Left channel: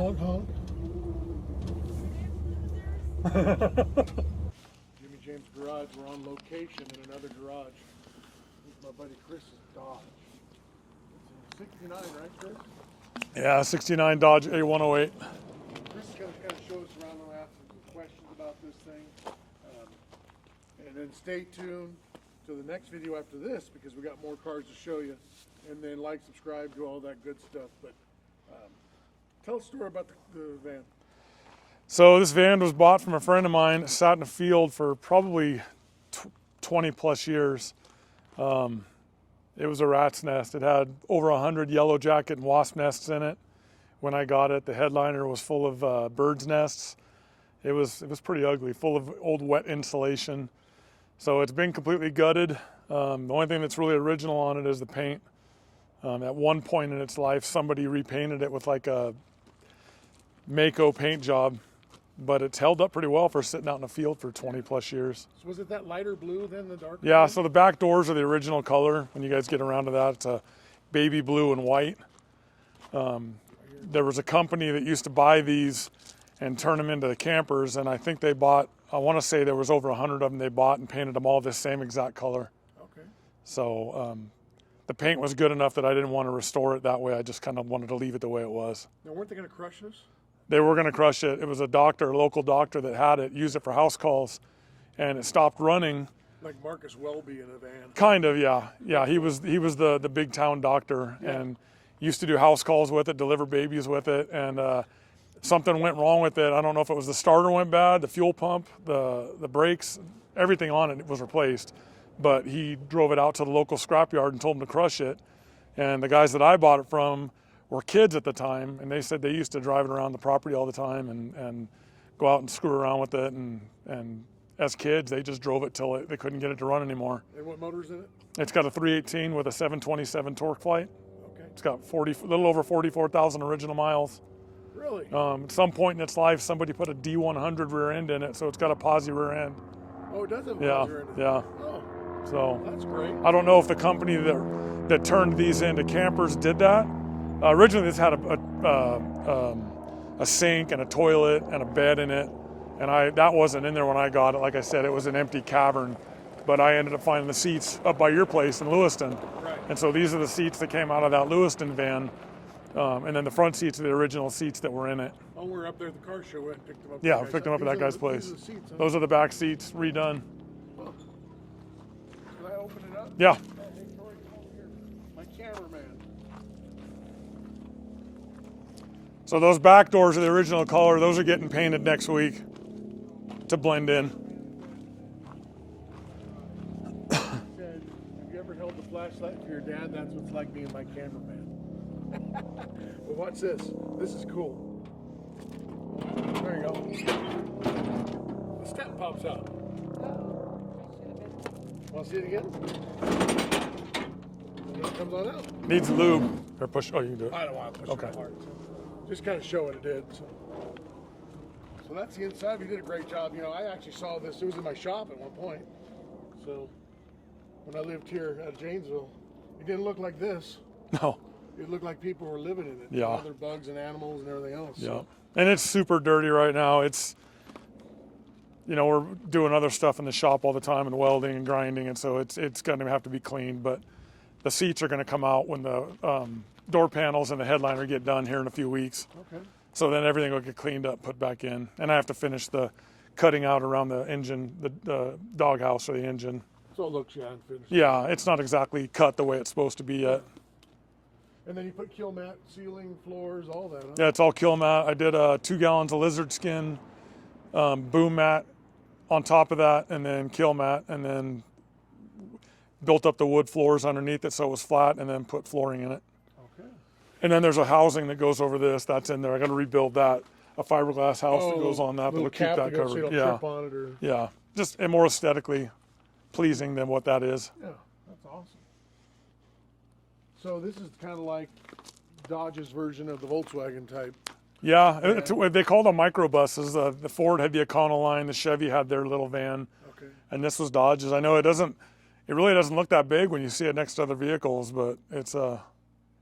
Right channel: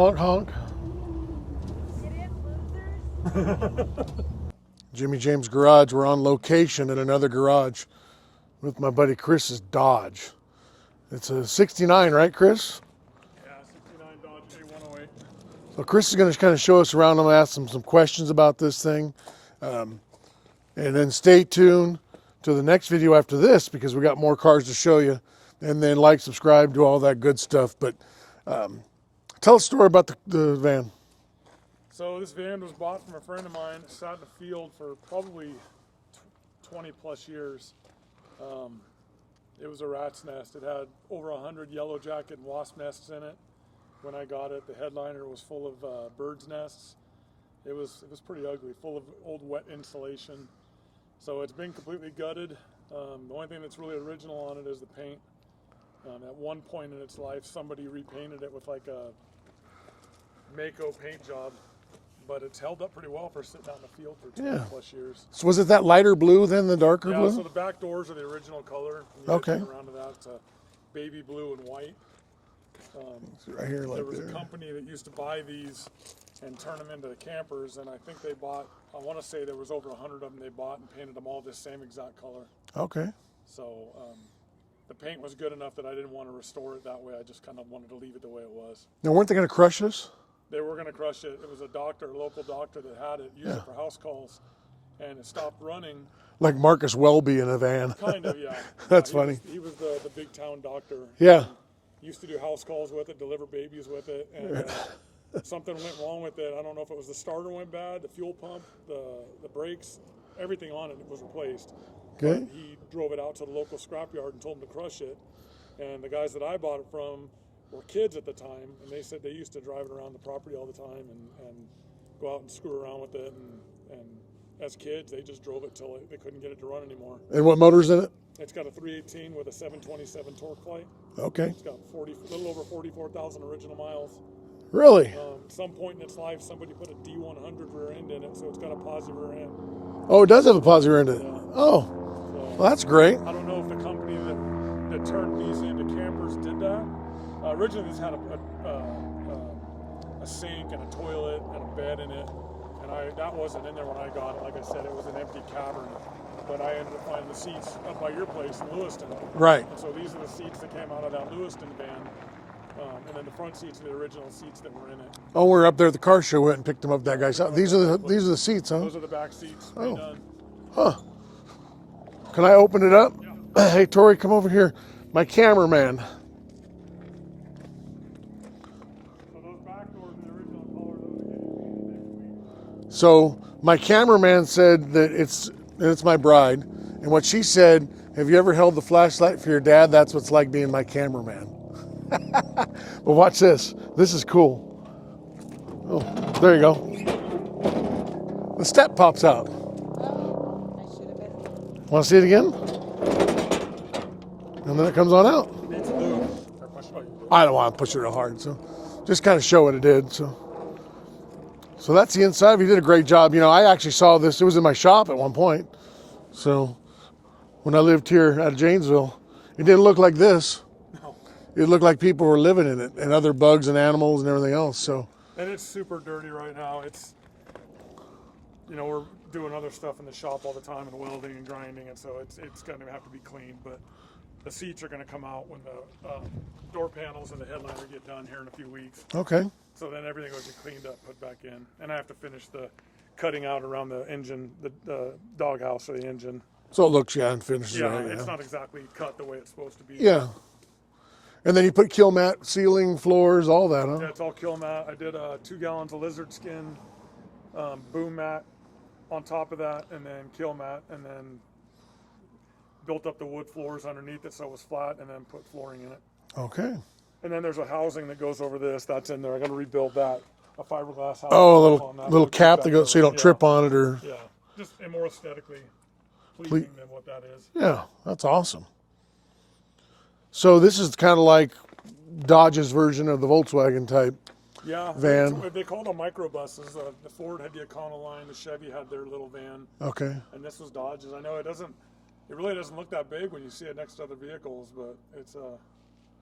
Honk, honk. Jimmy James Garage. We're on location at another garage with my buddy Chris's Dodge. It's a 69, right, Chris? Yeah, 69 Dodge A108. Well, Chris is going to kind of show us around. I'm going to ask him some questions about this thing. And then stay tuned to the next video after this because we got more cars to show you. And then like, subscribe, do all that good stuff. But tell us a story about the van. So this van was bought from a friend of mine. It sat in a field for probably 20 plus years. It was a rat's nest. It had over 100 yellow jacket and wasp nests in it. When I got it, the headliner was full of birds' nests. It was pretty ugly, full of old wet insulation. So it's been completely gutted. The only thing that's really original on it is the paint. At one point in its life, somebody repainted it with like a Mako paint job, but it's held up pretty well for sitting out in the field for 20 plus years. So was it that lighter blue then, the darker blue? Yeah, so the back doors are the original color. When you guys get around to that, it's a baby blue and white. Right here, There was a company that used to buy these and turn them into the campers, and I think they bought, I want to say there was over 100 of them they bought and painted them all the same exact color. Okay. So the paint was good enough that I didn't want to restore it that way. I just kind of wanted to leave it the way it was. Now, weren't they going to crush this? They were going to crush it. It was a doctor, a local doctor that had it, used it for house calls, and it stopped running. Like Marcus Welby in a van. Kind of, yeah. Yeah, he was the big town doctor. Yeah. And used to do house calls with it, deliver babies with it, and something went wrong with it. I don't know if it was the starter went bad, the fuel pump, the brakes, everything on it was replaced. But he drove it out to the local scrapyard and told them to crush it. And the guys that I bought it from were kids at the time, and they said they used to drive it around the property all the time and go out and screw around with it. And as kids, they just drove it till they couldn't get it to run anymore. And what motor's in it? It's got a 318 with a 727 torque flight. Okay. It's got a little over 44,000 original miles. Really? At some point in its life, somebody put a D100 rear end in it, so it's got a posi rear end. Oh, it does have a posi rear end in it? Yeah. Oh, so well, that's great. I don't know if the company that turned these into campers did that. Originally, this had a sink and a toilet and a bed in it, and that wasn't in there when I got it. Like I said, it was an empty cavern, but I ended up finding the seats up by your place in Lewiston. Right. And so these are the seats that came out of that Lewiston van, and then the front seats are the original seats that were in it. Oh, we're up there at the car show. Went and picked them up. Yeah, that guy's picked them house. up These at are that guy's these are the seats, huh? Those are the back seats redone. Huh. Can I open it up? Yeah. Hey, Tori, come over here. My cameraman. So those back doors are the original color. Those are getting painted next week. So my blend in. cameraman said that it's my bride, and what she said, have you ever held the flashlight for your dad? That's what it's like being my cameraman. But watch this. This is cool. Oh, there you go. The step pops out. Want to see it again? And then it comes on out. Needs lube. Or push. Oh, you can do it. I don't want to push it real hard, so just kind of show what it did. So that's the inside. You did a great job. You know, I actually saw this. It was in my shop at one point. So when I lived here out of Janesville, it didn't look like this. No. It looked like people were living in it, and other bugs and animals and everything else. Yeah. So. And it's super dirty right now. It's, you know, we're doing other stuff in the shop all the time and welding and grinding, and so it's going to have to be cleaned. But the seats are going to come out when the door panels and the headliner get done here in a few weeks. Okay. So then everything will get cleaned up, put back in, and I have to finish the cutting out around the engine, the doghouse or the engine. So it looks unfinished. Yeah, it's not exactly cut the way it's supposed to be. Yeah. And then you put kill mat, ceiling, floors, all that, huh? Yeah, it's all kill mat. I did 2 gallons of lizard skin, boom mat on top of that, and then kill mat, and then built up the wood floors underneath it so it was flat, and then put flooring in it. Okay. And then there's a housing that goes over this. That's in there. I'm going to rebuild that. A fiberglass house. Oh, that goes on that. little cap that goes so you don't trip on it, or. Yeah, just and more aesthetically pleasing than what that is. Yeah, that's awesome. So this is kind of like Dodge's version of the Volkswagen type. Yeah, van. they called them microbuses. The Ford had the Econoline, the Chevy had their little van. Okay. And this was Dodge's. I know it really doesn't look that big when you see it next to other vehicles, but it's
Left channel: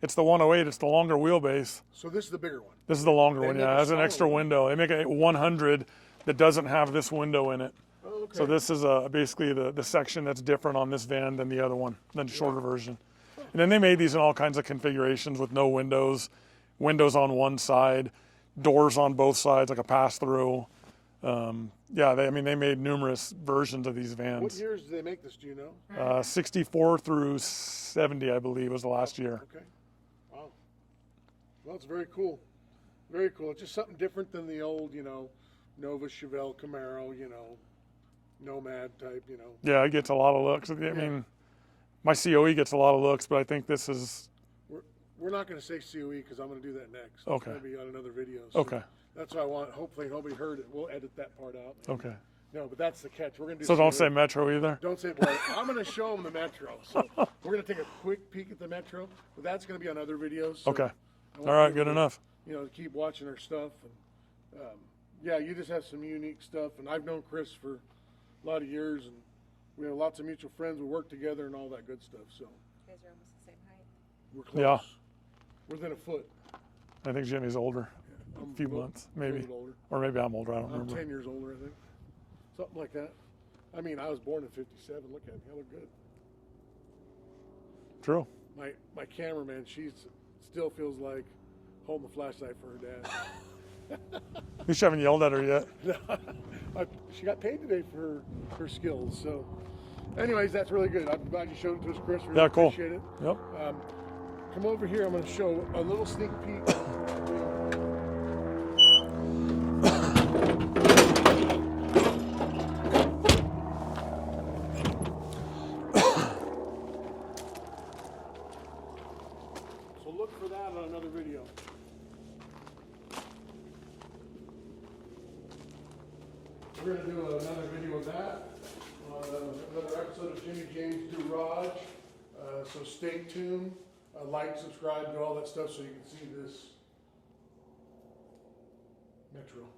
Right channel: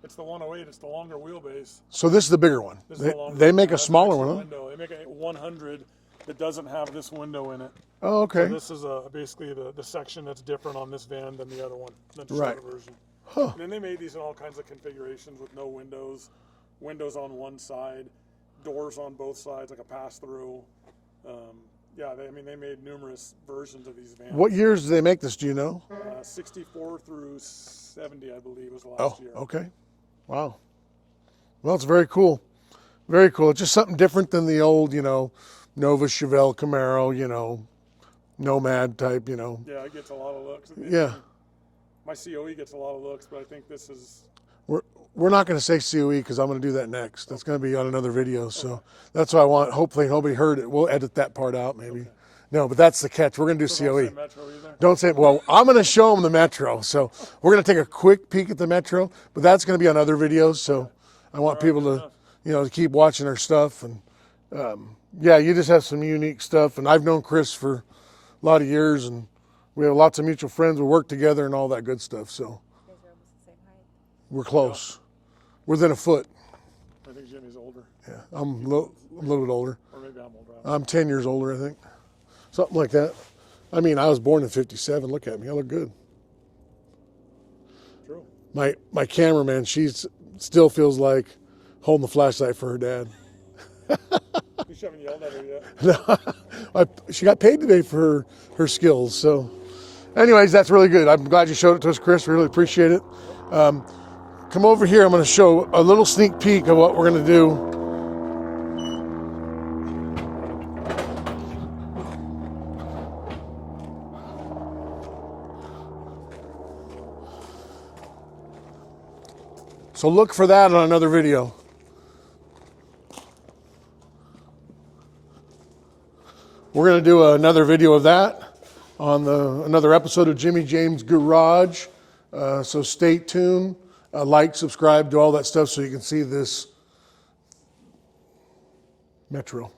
It's the 108. It's the longer wheelbase. So this is the bigger one. This is the longer They one. make yeah, a it has smaller an extra one. window. They make a 100 that doesn't have this window in it. Oh, okay. So this is basically the section that's different on this van than the other one, than the shorter version. Huh. And then they made these in all kinds of configurations with no windows, windows on one side, doors on both sides, like a pass-through. Yeah, they made numerous versions of these vans. What years did they make this? Do you know? 64 through 70, I believe, was the last year. Okay. Wow. Well, it's very cool. Very cool. It's just something different than the old, Nova, Chevelle, Camaro, Nomad type, Yeah, it gets a lot of looks. My COE gets a lot of looks, but I think this is... We're not going to say COE because I'm going to do that next. That's going to be on another video. So Okay. that's why I want, hopefully nobody heard it. We'll edit that part out maybe. Okay. No, but that's the catch. We're going to do so COE. Don't say Metro either? Don't say, well, I'm going to show them the Metro. So we're going to take a quick peek at the Metro, but that's going to be on other videos. So okay. I want people to, to keep watching our stuff. And yeah, you just have some unique stuff. And I've known Chris for a lot of years, and we have lots of mutual friends. We work together and all that good stuff. So you guys are almost the same height. we're close. Yeah. Within a foot. I think Jimmy's older. Yeah, I'm a little bit older. Or maybe I'm older. I'm 10 years older, I think. Something like that. I mean, I was born in 57. Look at me. I look good. True. My cameraman, she still feels like holding the flashlight for her dad. At least you haven't yelled at her yet. No, she got paid today for her skills. So anyways, that's really good. I'm glad you showed it to us, Chris. Really appreciate it. Yep. Come over here. I'm going to show a little sneak peek of what we're going to do. So look for that on another video. We're going to do another video of that on another episode of Jimmy James Garage. So stay tuned. Like, subscribe, do all that stuff so you can see this Metro.